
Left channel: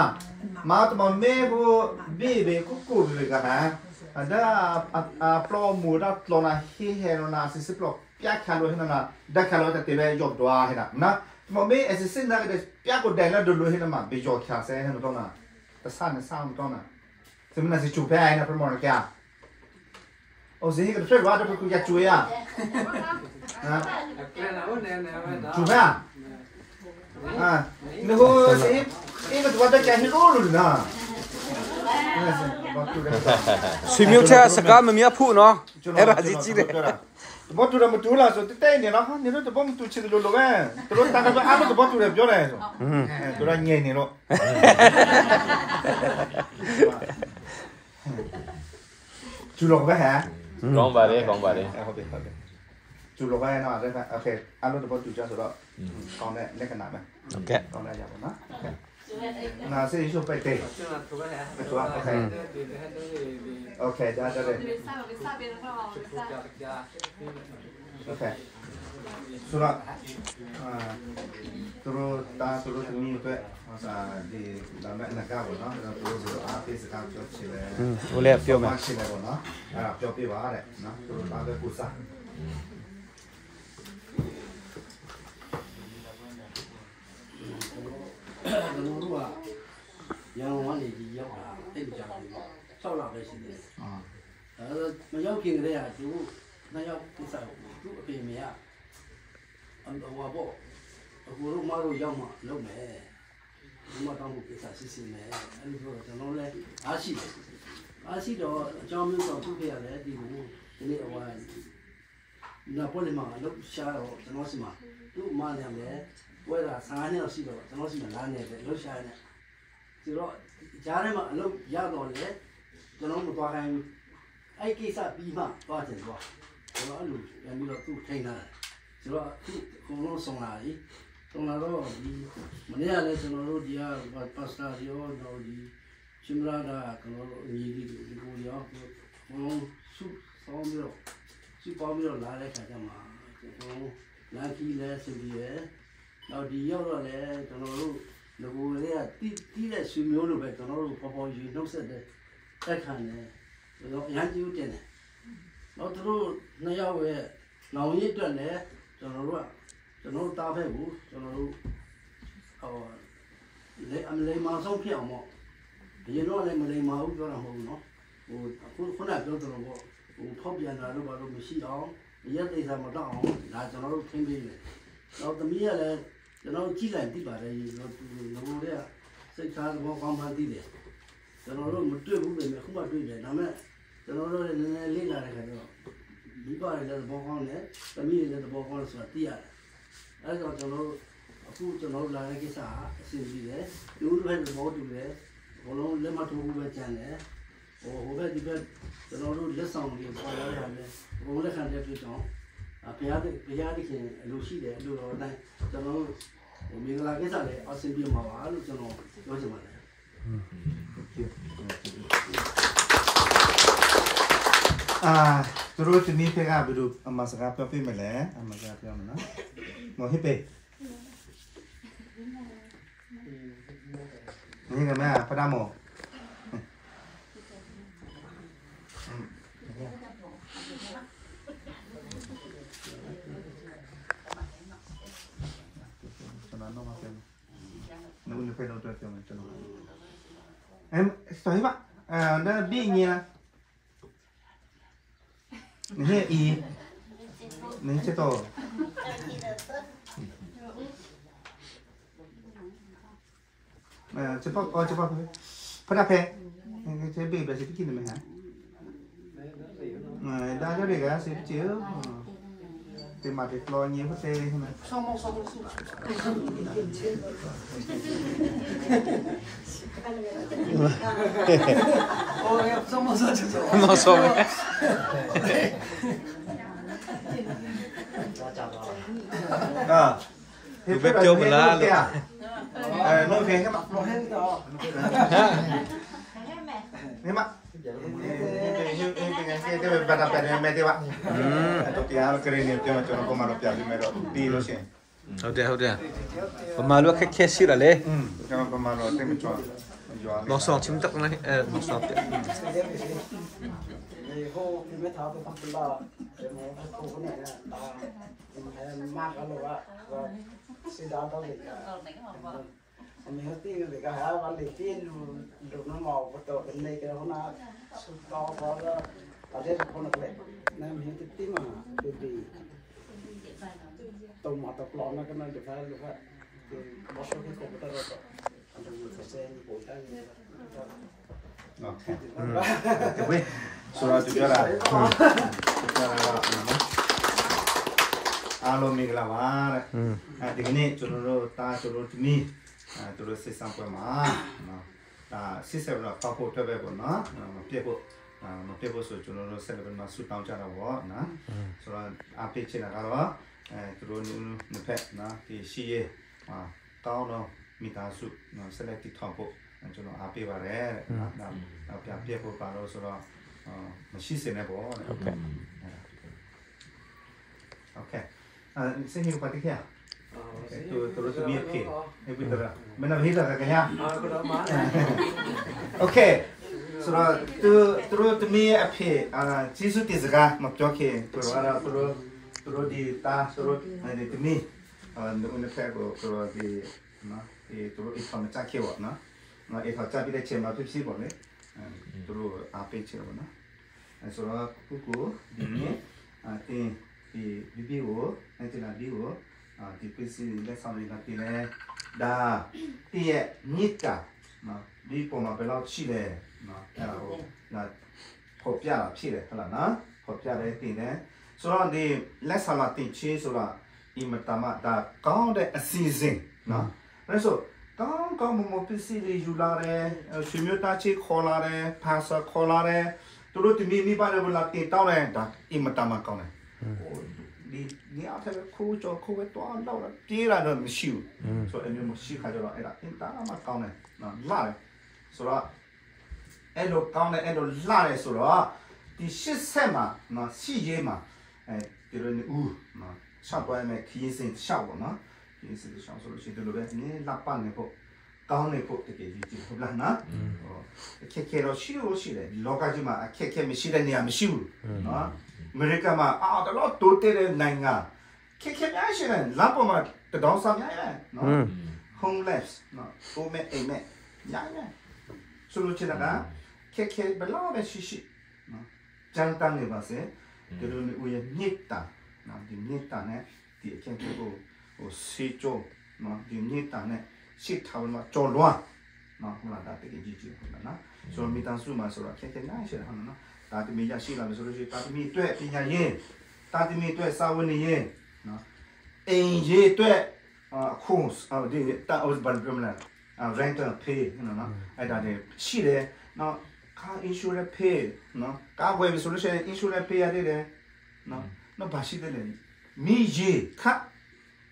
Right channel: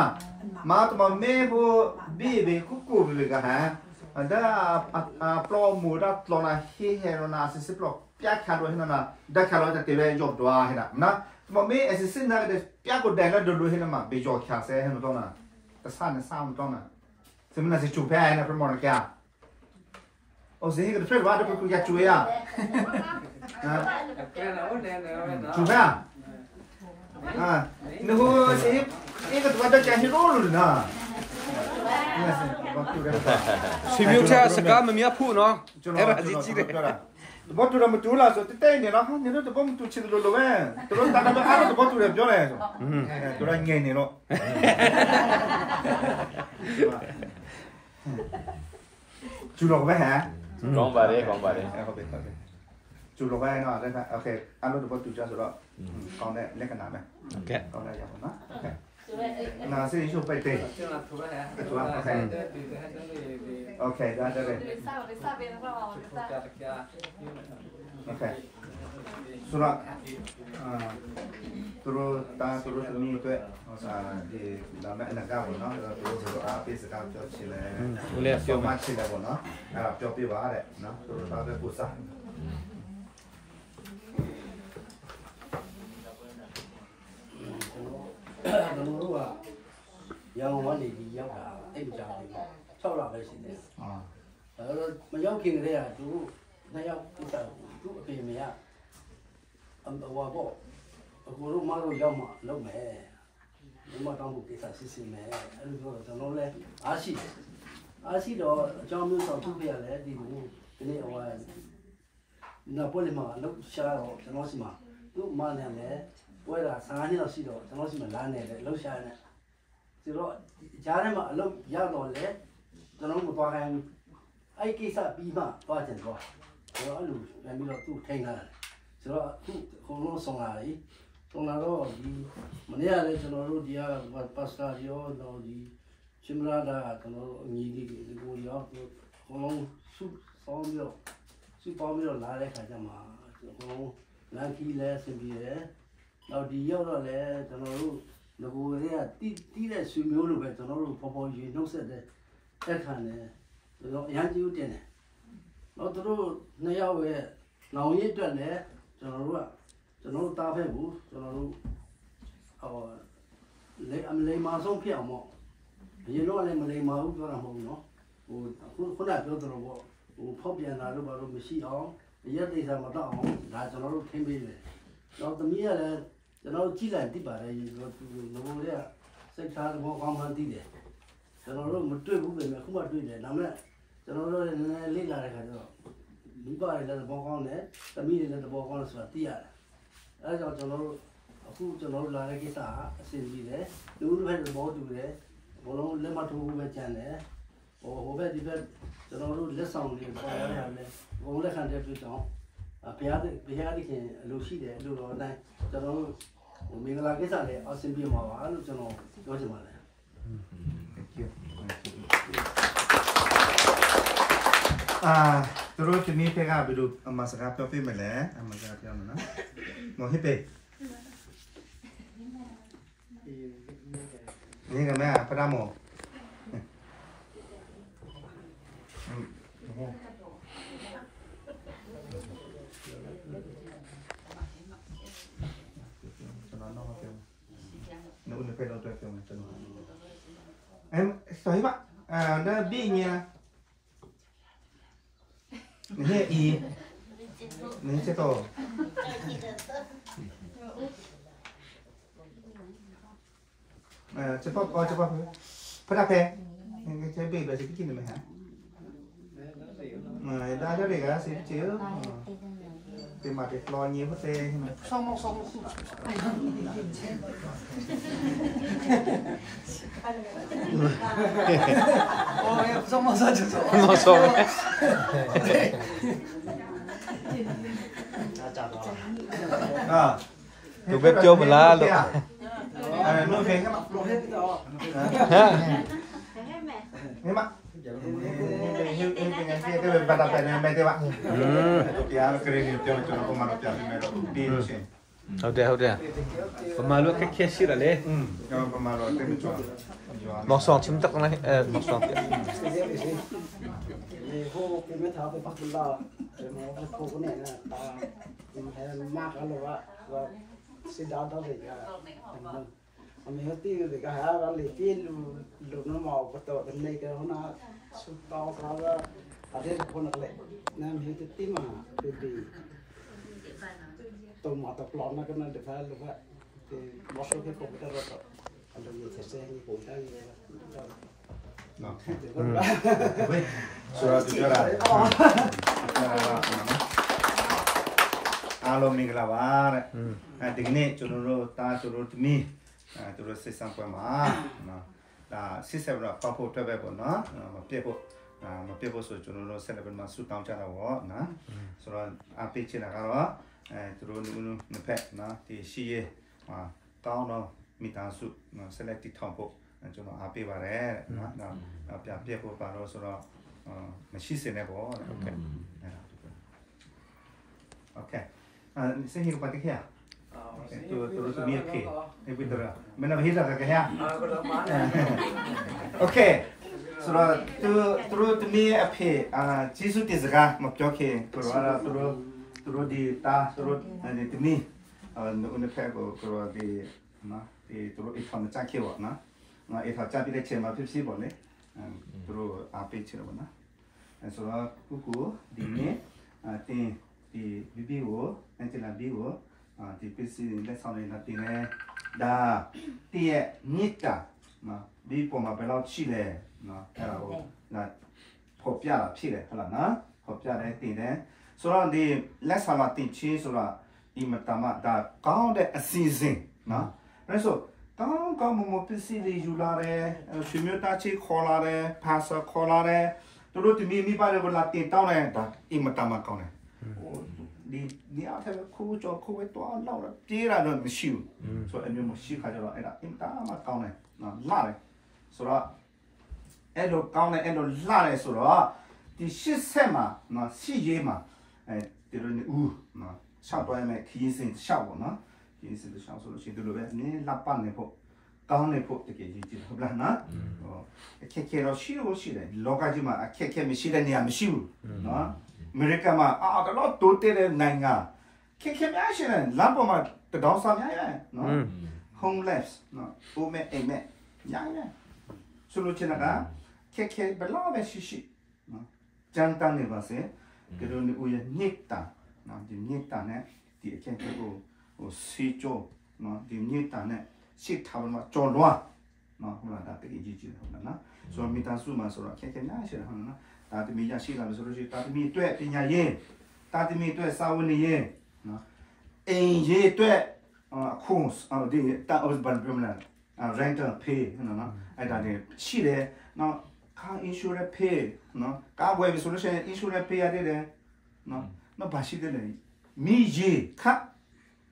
မာတမမေဘူဘီဘေကုကူဘေကနာဒါပလောမူဒါပလောနာဟီဟေရနာစစ်စစ်ပလောပြခါတော့ဟင်းနာဒါခါတော့တဲ့ပဲယော့တော့ဟဲ့နော်မမေအစစ်စစ်နာတဲ့ပြကိုတိုင်လာဒလိုဟင်းမှာဘေယော့ခါဆဲဟင်းတော့နာတဆန်ဆောင်းတော့နာစမနာစီချူဖဲအိုင်နာပရမော်ကโอ้สิก็ช่วยว่าจะกูอยากช่วยอ่ะนะช่วยอ่ะนี่โหสินี่ก็ตัวจะให้รู้เลยนะဆွေမျိုးချက်စကားမမြတ်ဖို့နော်အဲ့ဒါကြီးကြီးတယ်မတူရမတူလားဆိုတဲ့နေနော်နေတော့ဘာမတူချင်လို့လို့ပဲတို့တာတော့အားတော့ဘာတူရပြောတယ်ဆိုတို့ရငိမ့်နေတော့ကျူလို့ပဲဟဲ့ကောင်းပါတယ်ဟုတ်ပြီကျူလိုပဲနော်အဲ့ဒါโอเคအဲ့လိုတော့ကျူကြဆိုတော့ကောင်းတဲ့လက္ခဏာပဲโอเคကောင်းလိုက်ရပါနော်နာစေးရှုပ်ပိုက်တယ်โอเคဒါတော့โอเคဆိုတော့သူတို့သူမျိုးတွေဟောစားဒီလာမဲ့အနကားပေါ့နော်သူတို့အားပေးစကားပြောချင်တယ်ဟိုလည်းပြောမှချင်တယ်ပေါ့နော်အဲ့ဒါပြောပြပါတဲ့နော်သူတို့သားတဲ့ကိုစားကျွန်တော်တို့ကရန်ကုန်ကနေဒီရောက်တာအဲ့ဒီကြားလေးမှာ6လပဲရှိတယ်ဒါမရောက်ခင်ကတည်းကသူနှစ်ယောက်ကိစ္စသူ့အဖေမေကအန်တော်ဘောအခုတို့မတို့ရောက်မှလုပ်မယ်ဒီမှာတောင်းဖို့ကိစ္စစစ်စစ်မယ်အဲ့ဒီတော့ကျွန်တော်လည်းအားရှိတော့အကြောင်းမျိုးတော့သူ့ဖေရတယ်ဒီလိုဒီနေ့ဟိုနာပိုလီမှာလောက်ရှာတော့ကျွန်တော်စီမှာသူ့မနာမယ်ဝဲတာ15နှစ်လောက်ရှိတော့ကျွန်တော်စီမှာလာနေတယ်လောက်ရှာနေဆိုတော့ကြားထဲမှာအလုပ်ရောက်တော့လေကျွန်တော်မသွားခိုင်းအဲ့ကိစ္စပြီးမှသွားတယ်တော့ဆိုတော့အဲ့လိုပြန်ပြီးတော့သူ့ထိန်းလာဆိုတော့သူ့ခုလုံးဆောင်လာပြီဆောင်လာတော့ဒီမနေ့ကလည်းကျွန်တော်တို့ဒီကပါစတာရောတော့ဒီရှင်မလာတာကျွန်တော်တို့အညီလေးကိုရောခုလုံးစုပေါင်းပြီးတော့လာတဲ့ခါကျမှကျွန်တော်လမ်းကြီးလဲစင်ပြီးတယ်နောက်ဒီရောက်တော့လေကျွန်တော်တို့လူကိုယ်တွေကတီးတဲ့ဆွေမျိုးလိုပဲကျွန်တော်တို့ပေါ်ယူနှုတ်ဆက်တဲ့တက်ခံတယ်တော့အရန်ကြည့်တင်တယ်တော့သူတို့နှစ်ယောက်ရဲ့နောင်ရည်အတွက်လည်းကျွန်တော်တို့တားဖက်ဘူးကျွန်တော်တို့ဟိုလေမဆုံးဖြစ်အောင်ပေါ့ဒီတော့လည်းမလိမ္မာဘူးပြောတာမဟုတ်ဘူးနော်ဟိုခုနပြောတော့ပေါ့ဟိုဖောက်ပြန်တာတို့ဘာလို့မရှိအောင်ရက်သိစားမတော့အောင်ဒါကျွန်တော်တို့ထင်းပေးတယ်တော့သမီးကလည်းကျွန်တော်ကြည့်လိုက်ပြီးပါတယ်ဒီလိုငိုတွေကစိတ်ထားဘောကောင်းမှန်းသိတယ်ကျွန်တော်တို့မတွေ့ဘူးပဲခုမှတွေ့တယ်ဒါပေမဲ့ကျွန်တော်တို့လည်းနည်းနည်းလေ့လာတဲ့ခါကျတော့မိဘတွေလည်းဘောကောင်းတယ်သမီးတွေလည်းဘောကောင်းတယ်ဆိုတာသိရတယ်အဲဒါကြောင့်ကျွန်တော်တို့အခုကျွန်တော်လာတဲ့ကိစ္စအဆင်ပြေတယ်ဒီလိုပဲဘောတူတယ်ဘောလုံးလက်မထိုးဘူးပဲကြံတယ်ဟိုဘက်ဒီဘက်ကျွန်တော်တို့လက်ဆောင်တွေပေါ်လာတာလည်းဘုံလက်ခံတဲ့ပြုကြောင်းဘုရားသခင်အလိုရှိတယ်လို့တော့အတိုင်းကျွန်တော်ဟိုမင်္ဂလာကိစ္စလည်းအဆင်ပြေမှာပါလို့ကျွန်တော်ပြောချင်ပါတယ် သူတို့ဒီနေ့ကဘယ်လိုအမစကားပြောပြမလဲအမစကားပြောမနော်မဟိပေဒီကနေ့ဖရမောno pero tú te unes tú estoy va na binya ni i ni che to che pa para pe che be ba se ki ni me ha da da be ga se chi thì mà cái lo nhiều có thể xong nó xong tụi biết cho mình là được nó khen các bạn thế mà ini pada pada media pak. Topiar keren itu macam apa mana topiar di mana di Rusia. Hậu mà lúc khách xí là lấy. Apa mana tem macam. Mọc sòn chim tắc này, mọc sòn tiệt. Cô cái mấy tháo cái phát là cái mà cô cái này là ta mình mát cái là và sẽ đào tạo gì cả. Mình hết tiền thì cái hàng là lấy tiền luôn nó màu bắt đầu cái này cái nó sụt to có là ở đây là con này nên hết tiền mà thì tàu mà tàu lon nó cái này được phải luôn vậy thì một số cái công việc đó anh em sẽ xem như buổi sáng Oke. Surat bicara. Alo miglavar. Digni churro ta churro tmi. Churro sesam ko ma. Ta sisebra papo tebe ko na. Ma tepo so churro celebrate ma su taung cha da wo na. So ape china ka ro churro nu phe na ti shi ye ma kaung no mi ta su no select ti thong ko ကျွန်တော်အားပေးပါတယ်နော်ဒါပြပြဖို့ပါတော့ဆိုတော့မရှိစင်နဲ့ပေါ့โอเคโอเคစင်ကြီးပတ်ခဲ့တူတူမြေခေအပိတရမနဟိလာကခဲ့โอเคဆိုတော့တူတမီအဖေဂျေစုတေစကားမပြောခင်တူတော့ဒီတာဆိုတော့ဒီတမီဦးနဖက်ကိုဆိုတော့ဒီနော်ဒီတူအဖမ်းချခဲ့ဝနော်เอฟจับไปได้เชื่อมาพี่ๆบอกเนี่ยตัวอาเปเชื่อมานะส่วนกูดีนี้ที่บิวนั่นจะบิวที่เป็นสิ่งที่สำคัญที่เนี่ยดาที่นิดจ้ะนะบีผมมาเป็นรอบชีเลยนะแล้วก็ขอบยาชีเลยอะไรนะขอบยาได้ที่เนี่ยส่วนที่เล็กสลัดที่ชีส่วนอิมตามาดาก้าวได้ซีซิงนะแล้วส่วนကောင်းမပစ္စည်းတွေယူလာတယ်ဆွေမျိုးသားချစ်ခေါ်လာတယ်ဖာဆာခေါ်လာတယ်သူတို့ဒီမိပါရလာတင်တောင်းတယ်ဒါအင်မတမကောင်းတယ်ဒီအားလည်းခိုးကြောခိုးတော့တော့ပြေးလာတော့မရှိဘူးဆိုတော့အမျိုးမရှိခါကြတော့အဲ့ဒါအင်တာမကောင်းတယ်နော်လာတယ်ဆိုတော့အဲ့လိုကောင်းတယ်အဲ့လိုလာတယ်ဆိုတော့ဒီ80မှာနော်စီရေးမှာဒီလိုဦးနော်ရှောက်သွားမယ်ခီးစင်ရှောက်ပေါ့နော်ဒီစလို့ရှောင်းဆိုလို့ရှိတယ်လို့ပဲနင်းလက်ပတ်နေဖို့ကောင်းနေဖို့တကယ်ကြီးဟုတ်လားနော်အခက်ခဲတော့ရှိလို့ရှိတယ်လောကကြီးမှာအခက်ခဲမရှိတဲ့နေရာမရှိဘူးနော်အမေရိကန်မှာတော့တိုးတဲ့နိုင်ငံခက်ခဲများရှိတယ်လမ်းပေါ်မှာတောင်းစားများရတယ်နော် homeless နော်ဟိုမဲ့အိမ်မဲ့ညာညာဆိုလို့ချင်တာခက်ခဲဘလောက်ပဲရှိနော်ကြမ်းတမ်းနေပါစေဒီလိုဦးရဲ့ညစ်တာနော်ဒီညစ်တာနဲ့ဒီအခက်ခဲကိုစီချိုနော်ဒီနေတာနဲ့ရှစ်ထားမှာကြော်လွားနော်ဟုတ်လားဒါတကယ်ကြီးဟုတ်လားနော်ဆိုတော့မိသားစုမှာဆိုတော့ခက်ခဲများရှိတယ်ဟုတ်လားနော်ဒါတမီရရှိလာလို့ဆိုလို့ရှိရင်ဒါတမီအတွက်ပညာရေးဒါတမီအတွက်စာဝန်ရေးနော်အင်ရေးအတွက်အခုဒီတာအော်ဘန်ပရမလာrental pay နော်အဲ့ဒါတွေရှိတယ်နော် car insurance pay နော်ကားဝယ်ပြီဆိုလို့ရှိရင် insurance pay ရတယ်နော်ဘာရှိတယ်လဲမိရေးခတ်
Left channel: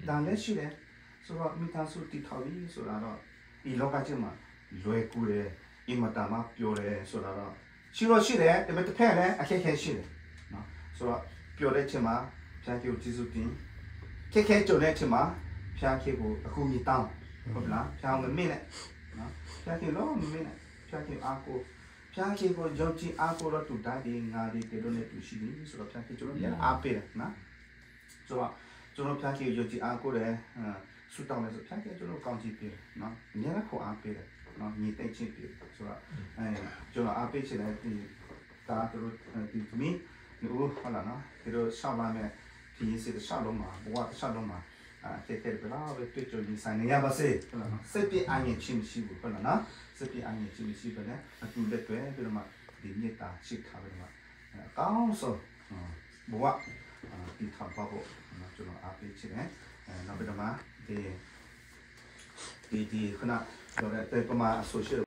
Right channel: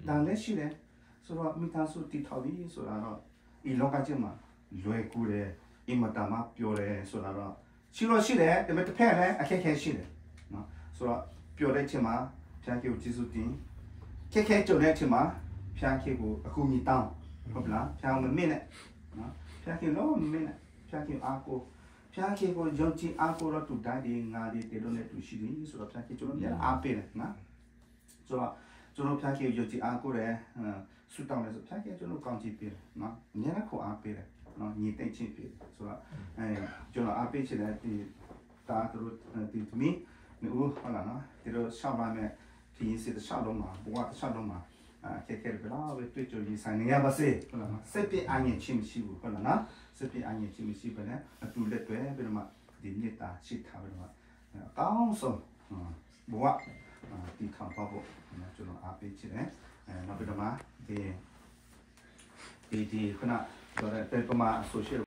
ဒါလည်းရှိတယ်ဆိုတော့မိသားစုတည်ထောင်ပြီးဆိုတာတော့ဒီလောကကြီးမှာလွယ်ကူတယ်အင်မတန်မှပြောတယ်ဆိုတာတော့ရှိတယ်ဒါပေမဲ့တစ်ဖက်လည်းအခက်အခဲရှိတယ် ဆိုတော့ပြောတဲ့ချိန်မှာဖျားကြီးကိုကျေးဇူးတင်ခဲကြုံတဲ့ချိန်မှာဖျားကြီးကိုအခုညီတောင်းဟုတ်လားဖျားမမေ့နဲ့နော်ဖျားကြီးလုံးမမေ့နဲ့ဖျားကြီးအားကိုဖျားကြီးကိုယုံကြည်အားကိုတော့တူတိုင်းဒီငါဒီတေလို့နေတူရှိပြီဆိုတော့ဖျားကြီးကျွန်တော်လည်းအားပေးတယ်နော်ဆိုတော့ကျွန်တော်ဖျားကြီးယုံကြည်အားကိုလည်းဆူတောင်းလဲဆိုဖျားကြီးကျွန်တော်ကောင်းကြည့်ပြီနော်အများကြီးကိုအားပေးတယ်နော်ညီတိတ်ချင်းပြီဆိုတော့ကျွန်တော်အားပေးချင်တဲ့ဒီကားတို့ဒီမီနော်ဟုတ်လားနော်ဒီလိုရှောက်ပါမယ်ဒီစစ်ရှောက်လုံးမှာဘဝရှောက်လုံးမှာတဲ့ဘလာဝတွေ့ကြဒီဆိုင်နေရပါစေဟုတ်လားနော်စိတ်ပြအရင်ချင်းမရှိဘူးဟုတ်လားနော်စိတ်ပြအရင်ချင်းမရှိပဲနဲ့အတူလက်တွဲပြီးတော့မှဒီမေတ္တာရှိထားပြီးတော့မှအကောင်းဆုံးဘဝဒီထောင်ပါဖို့ကျွန်တော်အားပေးချင်တယ်နောက်ပြီးတော့မှဒီခုနပြောတဲ့ပမာ social